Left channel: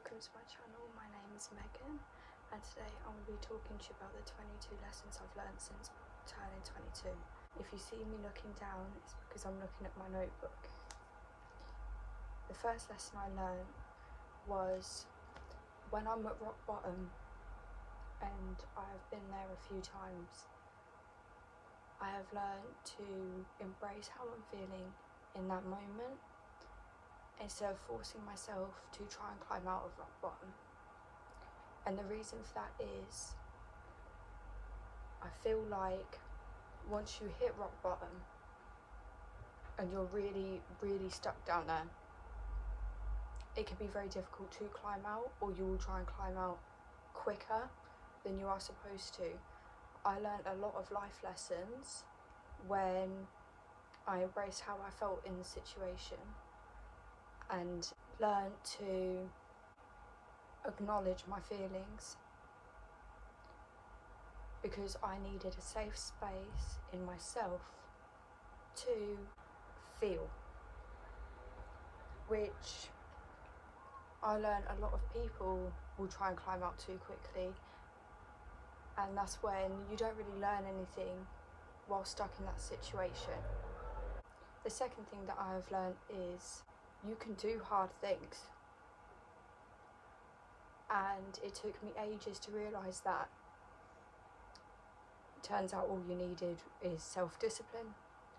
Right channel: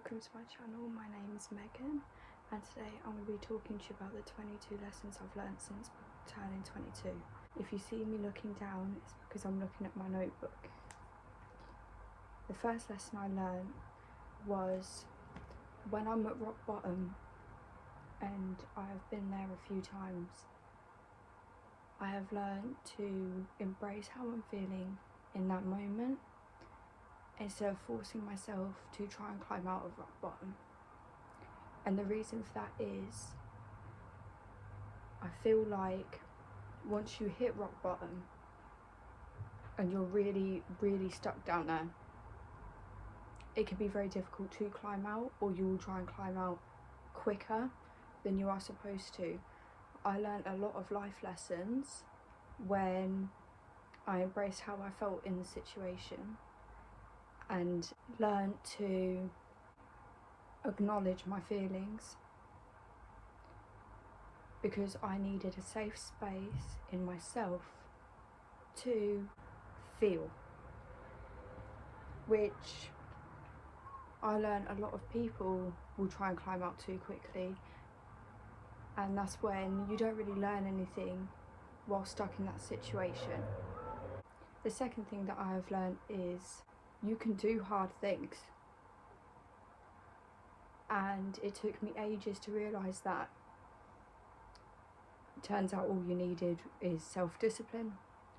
welcome to my channel. My name is Megan and today I'm going to be talking to you about the 22 lessons I've learned since turning 22. If you see me looking down, it's because I'm looking at my notebook. The first lesson I learned was when I'm at rock bottom, and I've been there a few times, I have learned to embrace how I'm feeling in that moment instead of forcing myself to try and climb out of rock bottom. And the reason for that is I feel like once you hit rock bottom and you're really stuck down there, it can be very difficult to climb out, or you will try and climb out quicker than you are supposed to. I learned a lot of life lessons when I embraced how I felt in the situation and learned to acknowledge my feelings, because I needed a safe space in myself to feel, which I learned a lot of people will try and climb out too quickly, and that's when you don't really learn anything while stuck in that situation. The second thing that I have learned is you can do hard things, and it took me ages to realise that. It turns out all you needed is self-discipline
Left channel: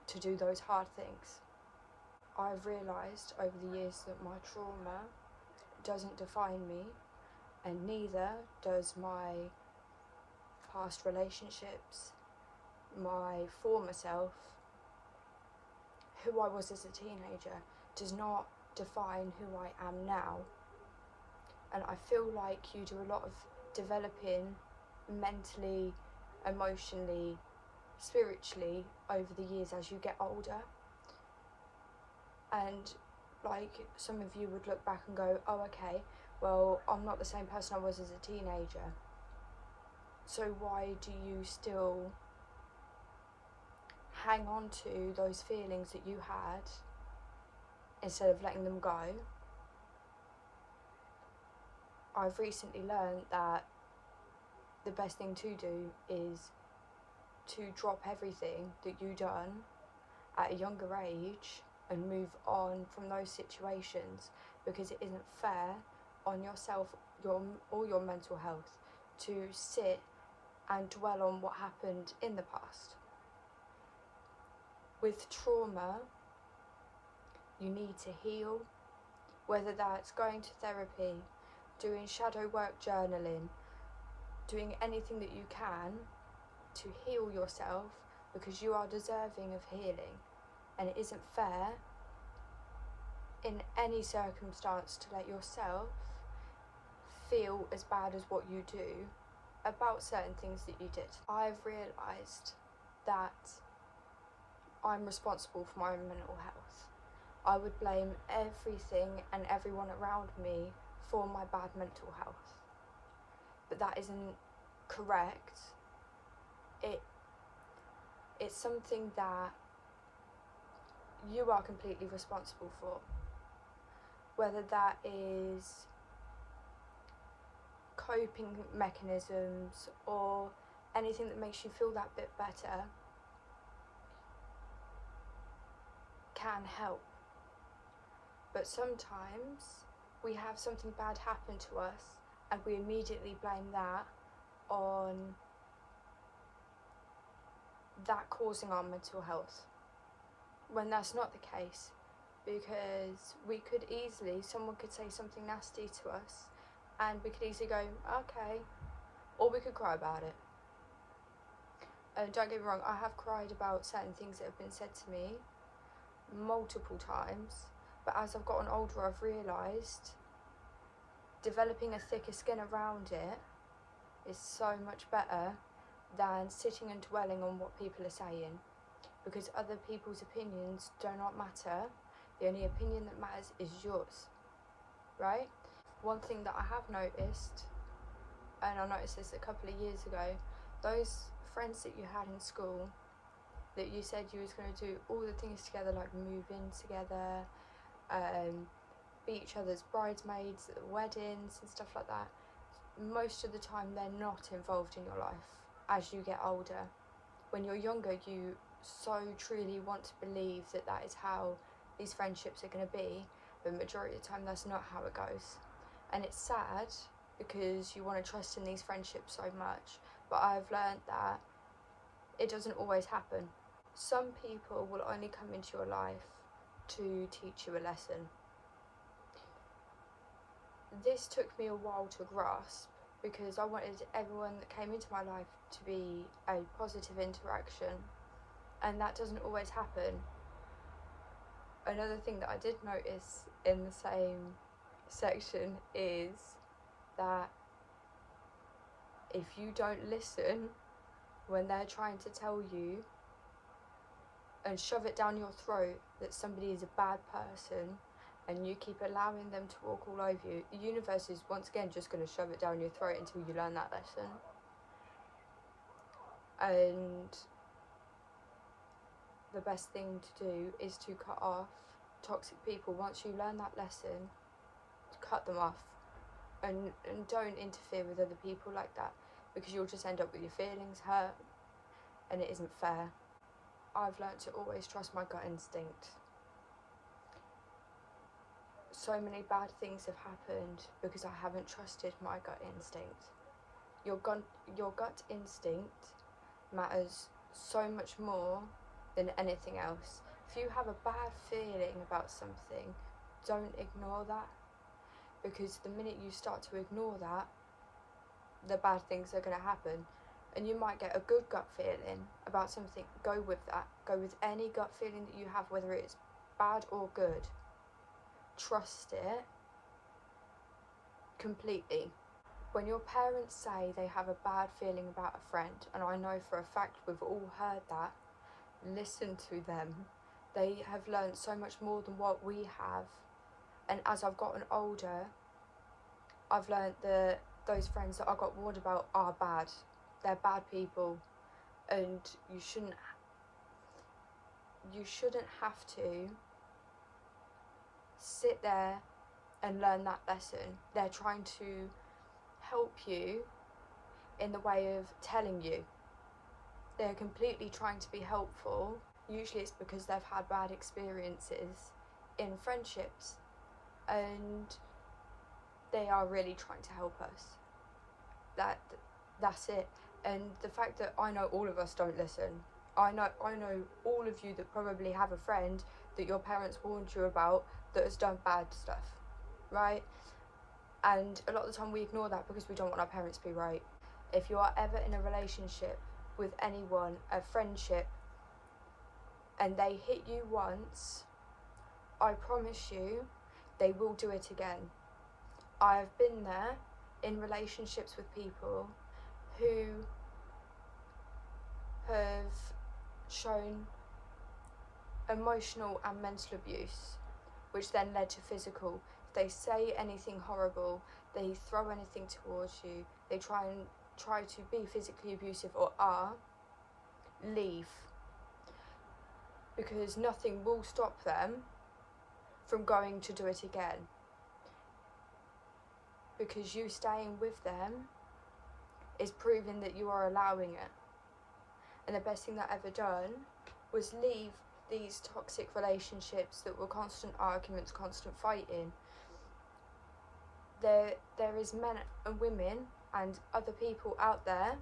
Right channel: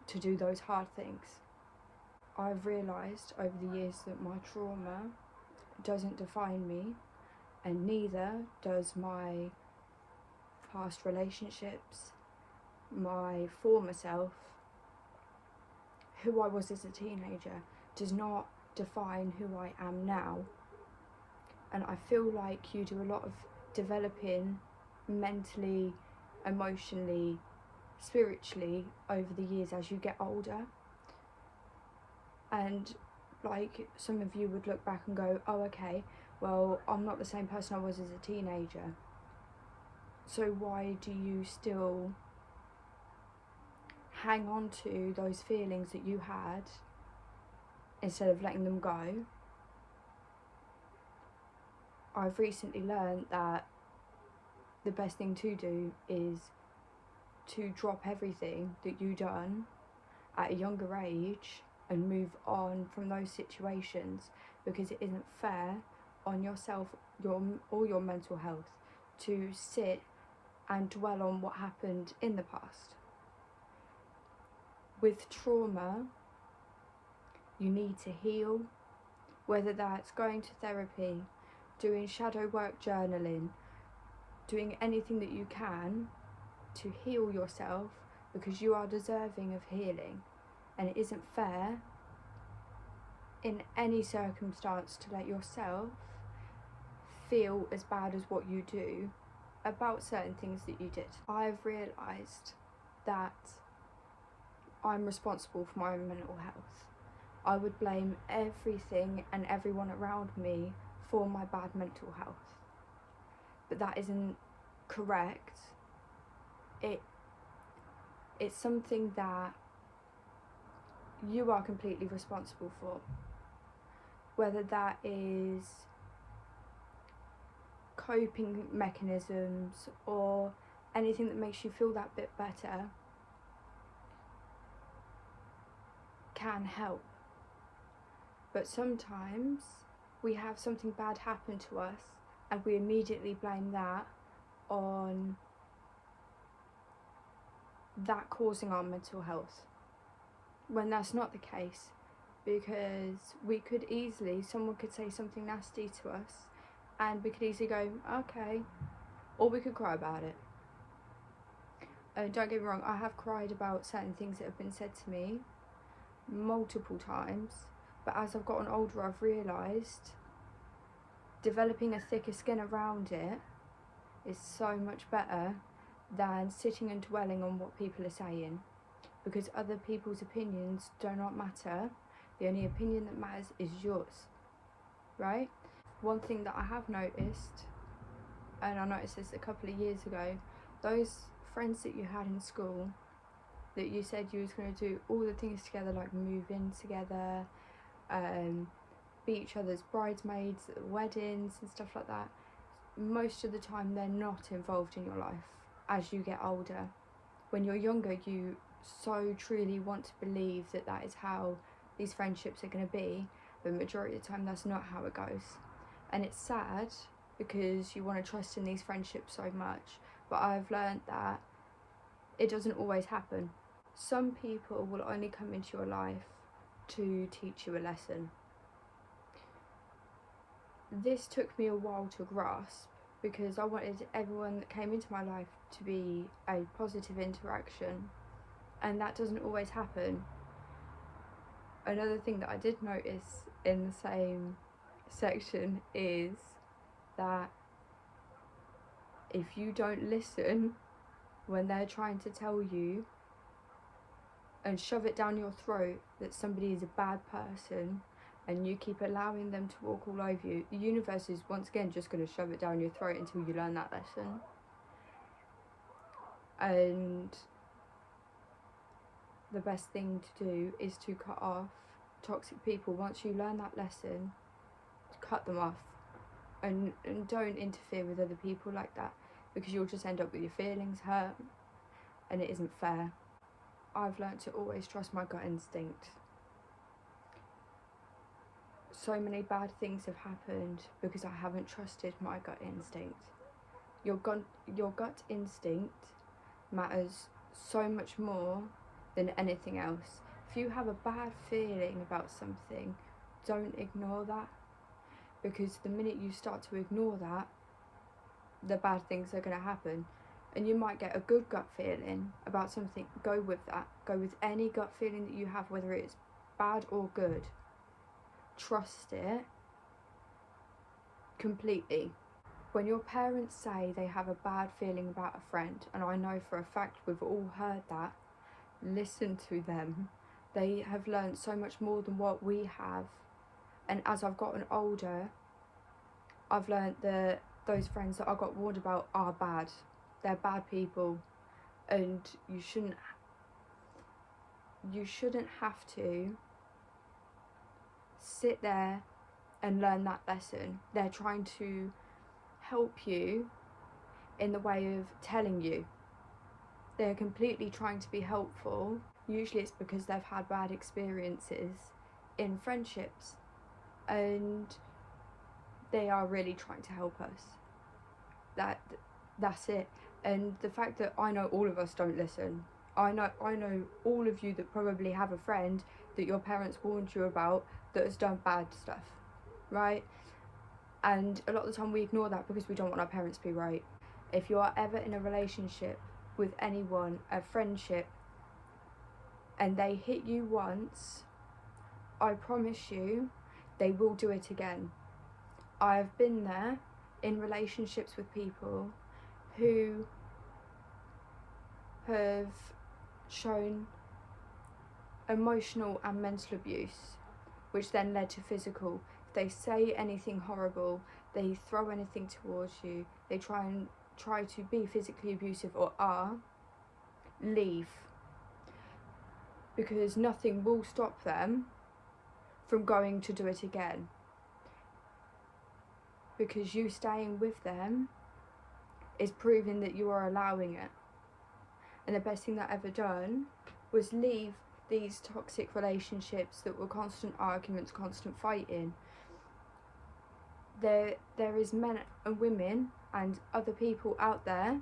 to do those hard things. I've realised over the years that my trauma doesn't define me, and neither does my past relationships, my former self. Who I was as a teenager does not define who I am now. And I feel like you do a lot of developing mentally, emotionally, spiritually over the years as you get older. And like some of you would look back and go, oh okay, well I'm not the same person I was as a teenager, so why do you still hang on to those feelings that you had instead of letting them go? I've recently learned that the best thing to do is to drop everything that you've done at a younger age and move on from those situations, because it isn't fair on yourself or your mental health to sit and dwell on what happened in the past. With trauma, you need to heal, whether that's going to therapy, doing shadow work, journaling, doing anything that you can to heal yourself, because you are deserving of healing, and it isn't fair in any circumstance to let yourself feel as bad as what you do about certain things that you did. I've realised that I'm responsible for my own mental health. I would blame everything and everyone around me for my bad mental health, but that isn't correct. It's something that you are completely responsible for, whether that is coping mechanisms or anything that makes you feel that bit better can help. But sometimes we have something bad happen to us and we immediately blame that on that causing our mental health, when that's not the case, because someone could say something nasty to us and we could easily go, okay, or we could cry about it. And don't get me wrong, I have cried about certain things that have been said to me multiple times, but as I've gotten older, I've realised developing a thicker skin around it is so much better than sitting and dwelling on what people are saying, because other people's opinions do not matter. The only opinion that matters is yours, right? One thing that I have noticed, and I noticed this a couple of years ago, those friends that you had in school that you said you was going to do all the things together, like move in together, be each other's bridesmaids at weddings and stuff like that. Most of the time they're not involved in your life as you get older. When you're younger, you so truly want to believe that that is how these friendships are going to be, but majority of the time that's not how it goes. And it's sad because you want to trust in these friendships so much, but I've learned that it doesn't always happen. Some people will only come into your life to teach you a lesson. This took me a while to grasp because I wanted everyone that came into my life to be a positive interaction, and that doesn't always happen. Another thing that I did notice in the same section is that if you don't listen when they're trying to tell you and shove it down your throat that somebody is a bad person, and you keep allowing them to walk all over you, the universe is once again just going to shove it down your throat until you learn that lesson. And the best thing to do is to cut off toxic people. Once you learn that lesson, cut them off, and don't interfere with other people like that, because you'll just end up with your feelings hurt, and it isn't fair. I've learned to always trust my gut instinct. So many bad things have happened because I haven't trusted my gut instinct. Your gut instinct matters so much more than anything else. If you have a bad feeling about something, don't ignore that, because the minute you start to ignore that, the bad things are going to happen. And you might get a good gut feeling about something. Go with that. Go with any gut feeling that you have, whether it's bad or good. Trust it completely. When your parents say they have a bad feeling about a friend, and I know for a fact we've all heard that, listen to them. They have learned so much more than what we have. And as I've gotten older, I've learned that those friends that I got warned about are bad. They're bad people, and you shouldn't have to sit there and learn that lesson. They're trying to help you in the way of telling you. They're completely trying to be helpful. Usually it's because they've had bad experiences in friendships, and they are really trying to help us. That's it. And the fact that I know all of us don't listen. I know all of you that probably have a friend that your parents warned you about that has done bad stuff, right? And a lot of the time we ignore that because we don't want our parents to be right. If you are ever in a relationship with anyone, a friendship, and they hit you once, I promise you they will do it again. I have been there in relationships with people who have shown emotional and mental abuse, which then led to physical. If they say anything horrible, they throw anything towards you, they try to be physically abusive or are, leave. Because nothing will stop them from going to do it again. Because you staying with them is proving that you are allowing it. And the best thing that I ever done was leave these toxic relationships that were constant arguments, constant fighting. There is men and women and other people out there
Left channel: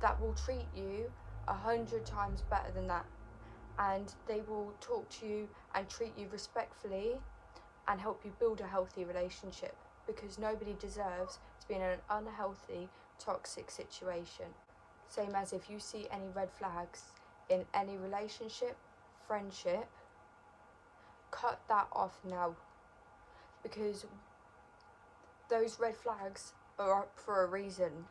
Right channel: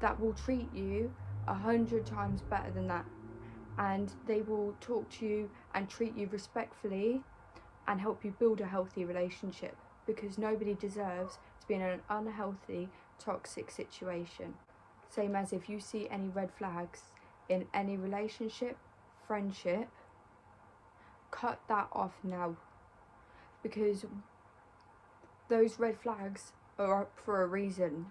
that will treat you 100 times better than that, and they will talk to you and treat you respectfully and help you build a healthy relationship, because nobody deserves to be in an unhealthy, toxic situation. Same as if you see any red flags in any relationship, friendship, cut that off now, because those red flags are up for a reason.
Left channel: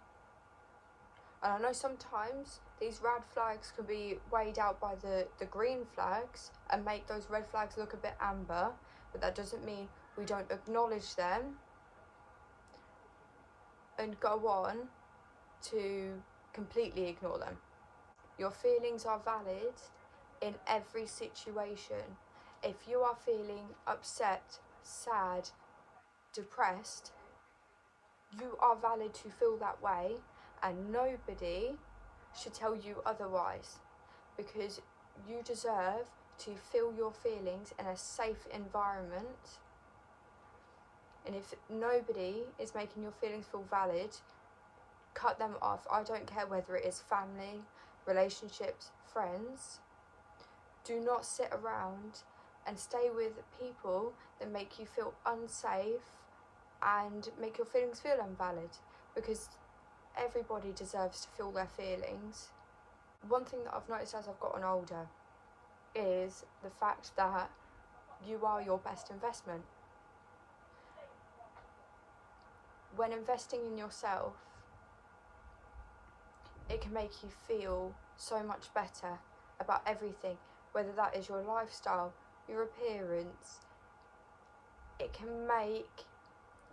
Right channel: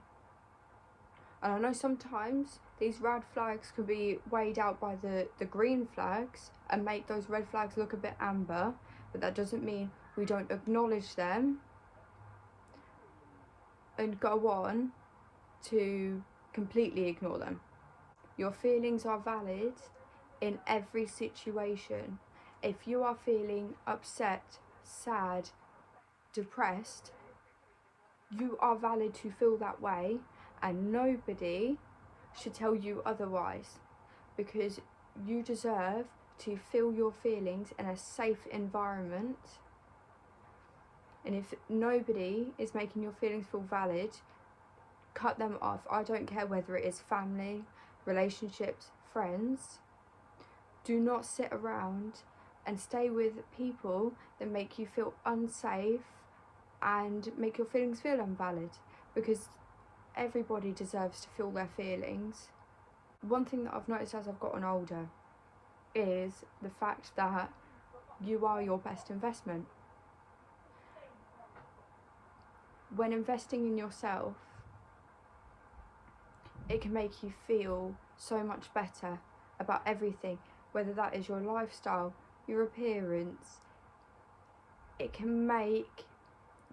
And I know sometimes these red flags can be weighed out by the green flags and make those red flags look a bit amber, but that doesn't mean we don't acknowledge them and go on to completely ignore them. Your feelings are valid in every situation. If you are feeling upset sad, depressed, you are valid to feel that way, and nobody should tell you otherwise, because you deserve to feel your feelings in a safe environment. And if nobody is making your feelings feel valid, cut them off. I don't care whether it is family, relationships, friends. Do not sit around and stay with people that make you feel unsafe and make your feelings feel invalid, because everybody deserves to feel their feelings. One thing that I've noticed as I've gotten older is the fact that you are your best investment. When investing in yourself, it can make you feel so much better about everything, whether that is your lifestyle, your appearance. It can make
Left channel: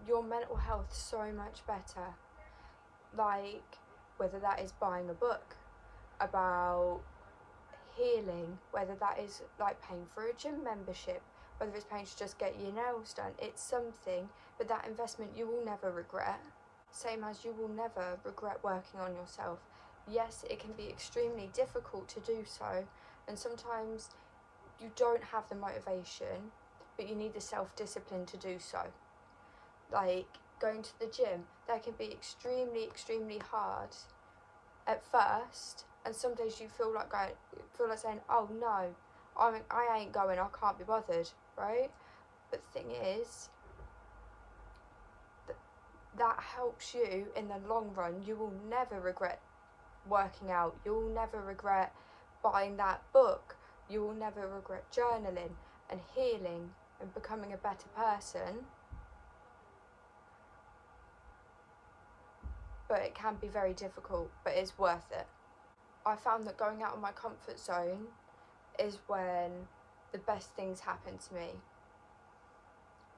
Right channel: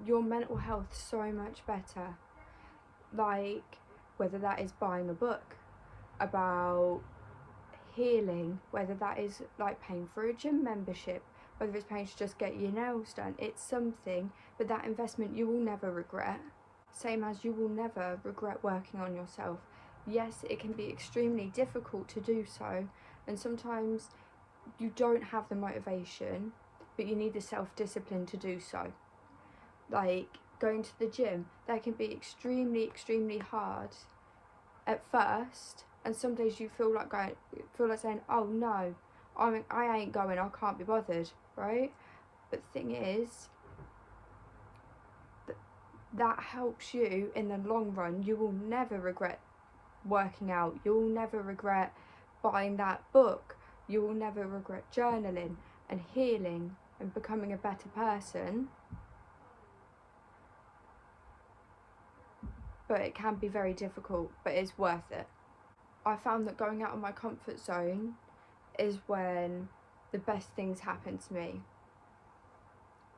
your mental health so much better. Like, whether that is buying a book about healing, whether that is like paying for a gym membership, whether it's paying to just get your nails done. It's something, but that investment you will never regret. Same as you will never regret working on yourself. Yes, it can be extremely difficult to do so, and sometimes you don't have the motivation, but you need the self-discipline to do so. Like going to the gym, that can be extremely hard at first, and some days you feel like saying, oh no, I ain't going, I can't be bothered, right? But the thing is, that helps you in the long run. You will never regret working out. You'll never regret buying that book. You will never regret journaling and healing and becoming a better person. But it can be very difficult, but it's worth it. I found that going out of my comfort zone is when the best things happen to me.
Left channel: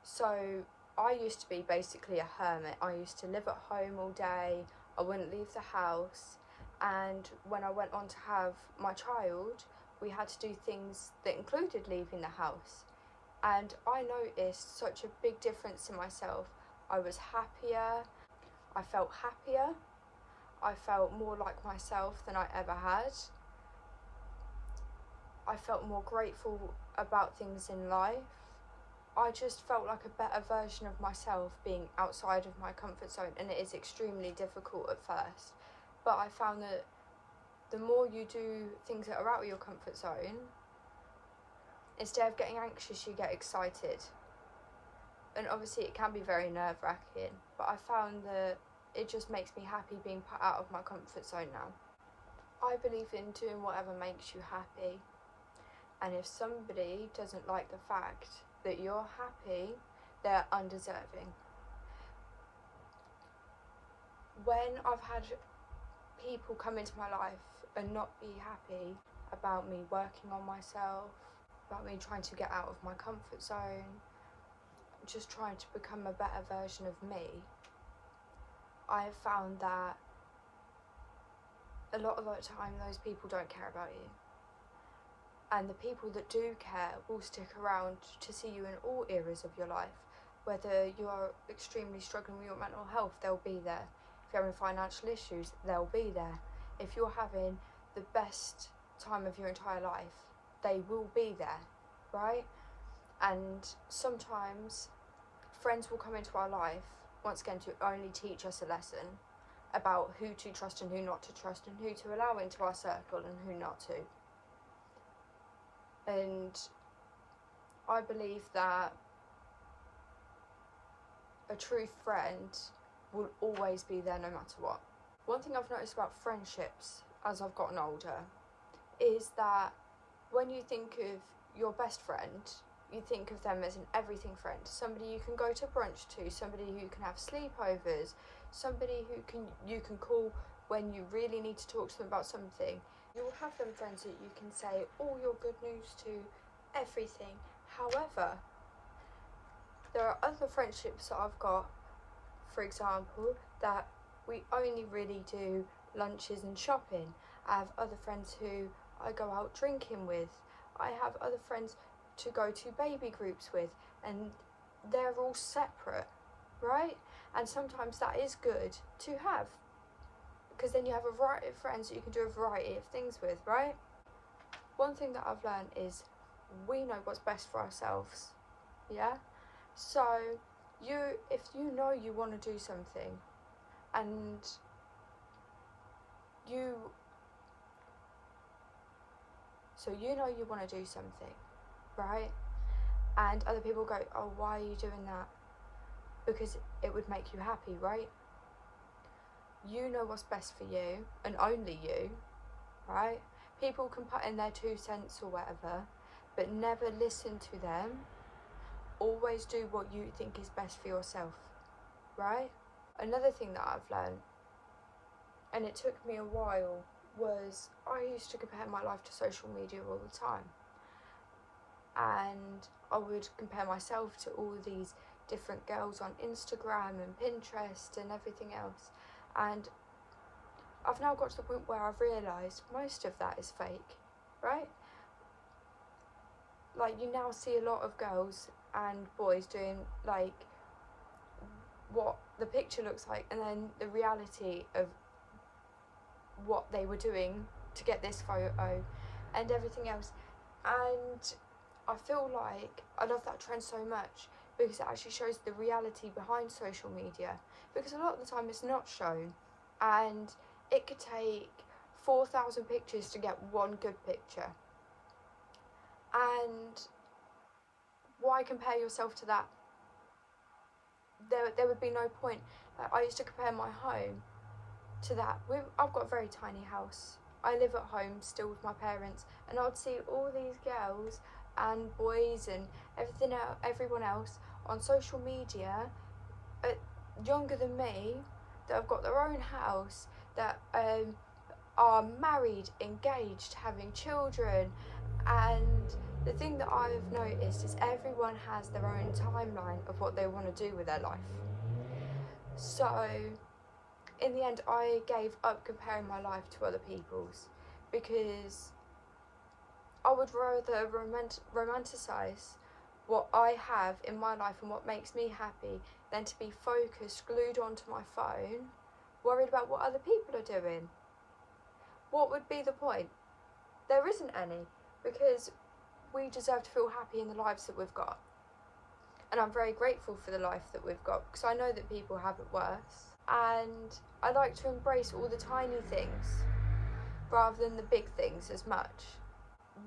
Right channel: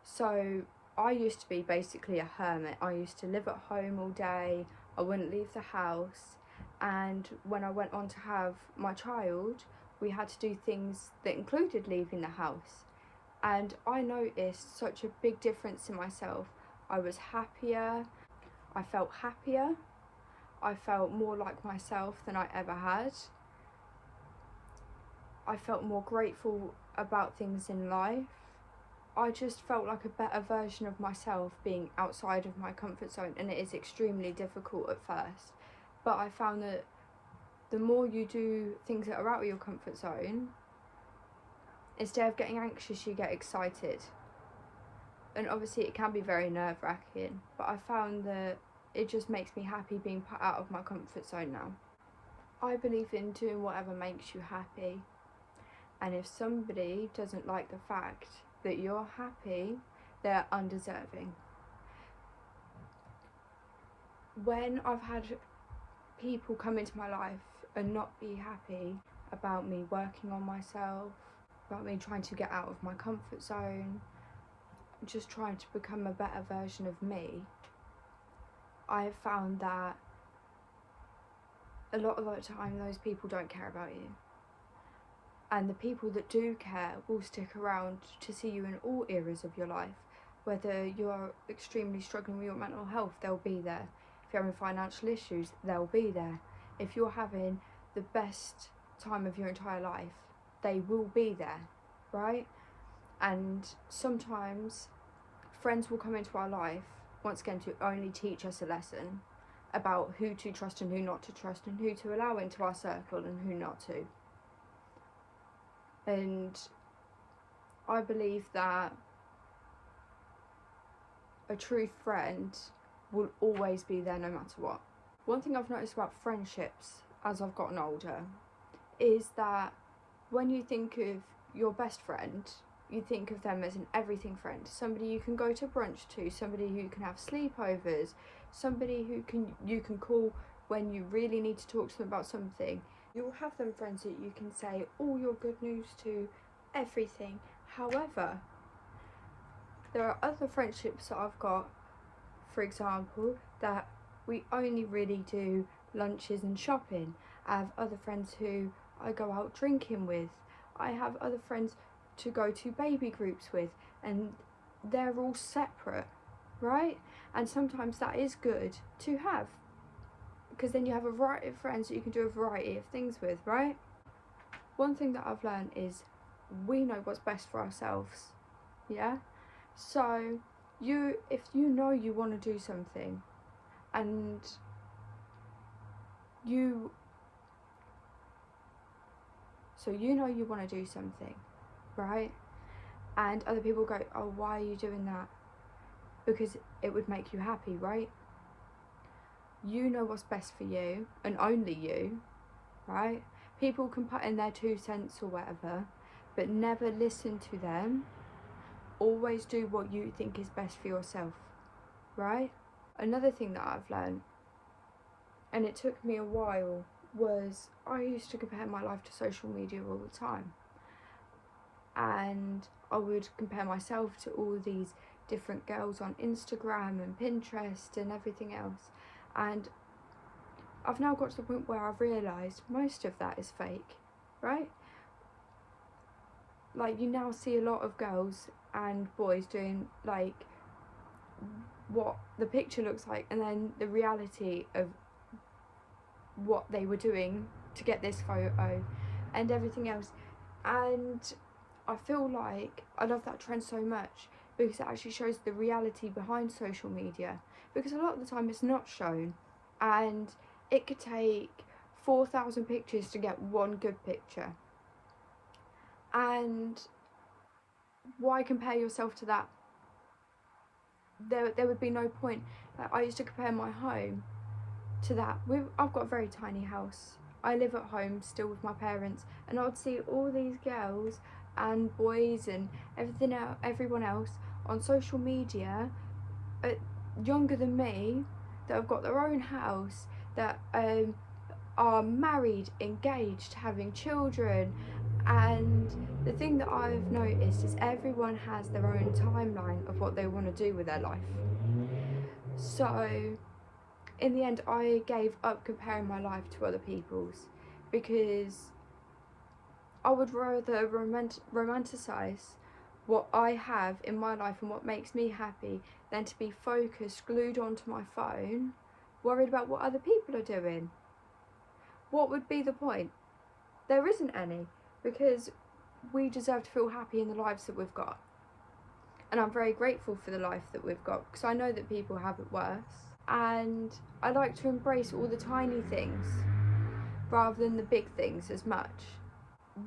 So I used to be basically a hermit. I used to live at home all day. I wouldn't leave the house. And when I went on to have my child, we had to do things that included leaving the house. And I noticed such a big difference in myself. I was happier. I felt happier. I felt more like myself than I ever had. I felt more grateful about things in life. I just felt like a better version of myself being outside of my comfort zone, and it is extremely difficult at first. But I found that the more you do things that are out of your comfort zone, instead of getting anxious, you get excited. And obviously it can be very nerve-wracking, but I found that it just makes me happy being put out of my comfort zone now. I believe in doing whatever makes you happy. And if somebody doesn't like the fact that you're happy, they're undeserving. When I've had people come into my life and not be happy about me working on myself, about me trying to get out of my comfort zone, just trying to become a better version of me, I have found that a lot of the time those people don't care about you. And the people that do care will stick around to see you in all eras of your life. Whether you're extremely struggling with your mental health, they'll be there. If you're having financial issues, they'll be there. If you're having the best time of your entire life, they will be there, right? And sometimes friends will come into our life, once again, to only teach us a lesson about who to trust and who not to trust, and who to allow into our circle and who not to. And I believe that a true friend will always be there no matter what. One thing I've noticed about friendships as I've gotten older is that when you think of your best friend, you think of them as an everything friend, somebody you can go to brunch to, somebody who can have sleepovers, somebody who you can call when you really need to talk to them about something. You'll have them friends that you can say all your good news to, everything. However, there are other friendships that I've got, for example, that we only really do lunches and shopping. I have other friends who I go out drinking with. I have other friends to go to baby groups with, and they're all separate, right? And sometimes that is good to have, because then you have a variety of friends that you can do a variety of things with, right? One thing that I've learned is we know what's best for ourselves, yeah? So if you know you want to do something, and you know you want to do something, right? And other people go, oh, why are you doing that? Because it would make you happy, right? You know what's best for you, and only you, right? People can put in their 2 cents or whatever, but never listen to them. Always do what you think is best for yourself, right? Another thing that I've learned, and it took me a while, was I used to compare my life to social media all the time. And I would compare myself to all these different girls on Instagram and Pinterest and everything else. And I've now got to the point where I've realised most of that is fake, right? Like, you now see a lot of girls and boys doing like what the picture looks like, and then the reality of what they were doing to get this photo and everything else. And I feel like I love that trend so much, because it actually shows the reality behind social media, because a lot of the time it's not shown, and it could take 4,000 pictures to get one good picture. And why compare yourself to that? There would be no point. Like, I used to compare my home to that. I've got a very tiny house. I live at home still with my parents, and I would see all these girls and boys and everyone else on social media, younger than me, that have got their own house, that are married, engaged, having children. And the thing that I've noticed is everyone has their own timeline of what they want to do with their life. So in the end, I gave up comparing my life to other people's, because I would rather romanticize what I have in my life and what makes me happy than to be focused, glued onto my phone, worried about what other people are doing. What would be the point? There isn't any, because we deserve to feel happy in the lives that we've got. And I'm very grateful for the life that we've got, because I know that people have it worse. And I like to embrace all the tiny things rather than the big things as much.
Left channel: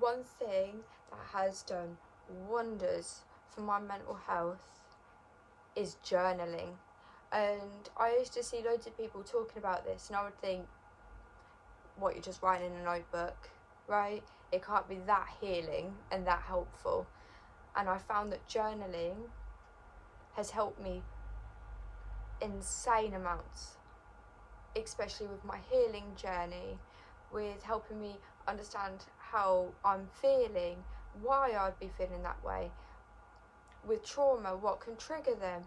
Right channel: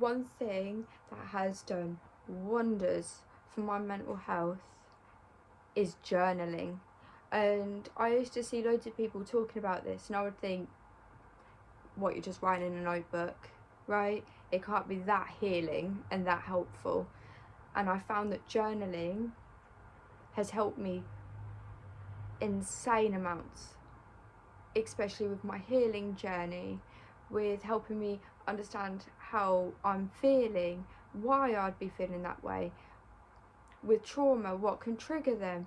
One thing that has done wonders for my mental health is journaling. And I used to see loads of people talking about this, and I would think, what, you're just writing in a notebook, right? It can't be that healing and that helpful. And I found that journaling has helped me insane amounts, especially with my healing journey, with helping me understand how I'm feeling, why I'd be feeling that way, with trauma, what can trigger them,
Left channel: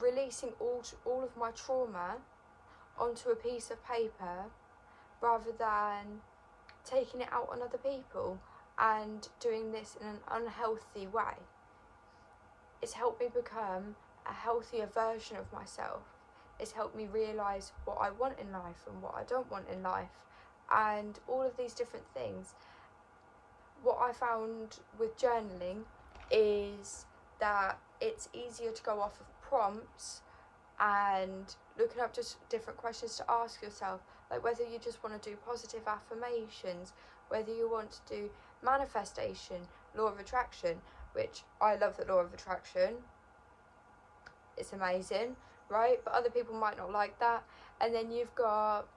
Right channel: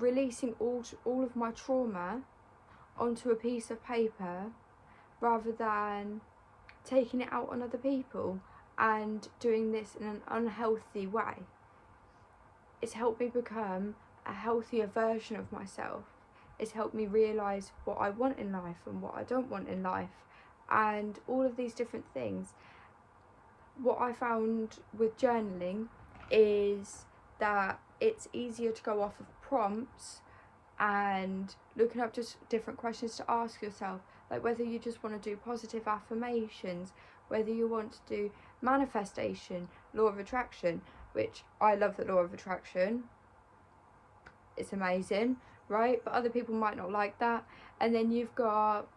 releasing all of my trauma onto a piece of paper rather than taking it out on other people and doing this in an unhealthy way. It's helped me become a healthier version of myself. It's helped me realise what I want in life and what I don't want in life, and all of these different things. What I found with journaling is that it's easier to go off of prompts and looking up just different questions to ask yourself, like whether you just want to do positive affirmations, whether you want to do manifestation, law of attraction, which I love the law of attraction. It's amazing, right? But other people might not like that. And then you've got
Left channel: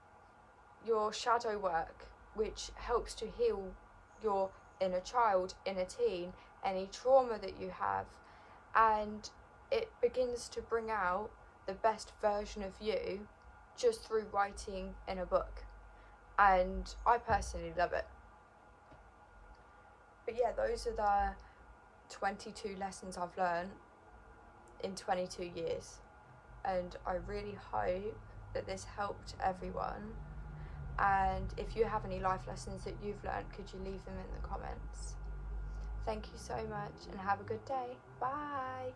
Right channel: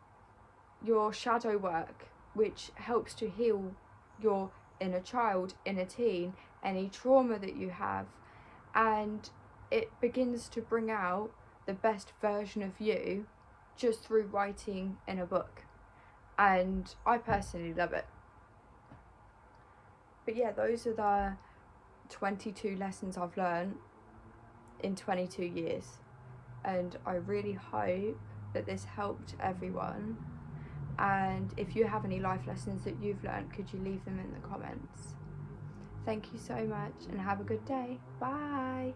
your shadow work, which helps to heal your inner child, inner teen, any trauma that you have. And it begins to bring out the best version of you just through writing in a book. And I personally love it. But yeah, those are the 22 lessons I've learned in 22 years. And I really hope that this helped everyone. And if you have any life lessons that you've learned, could you leave them in the comments? Thank you so much and have a good day. Bye.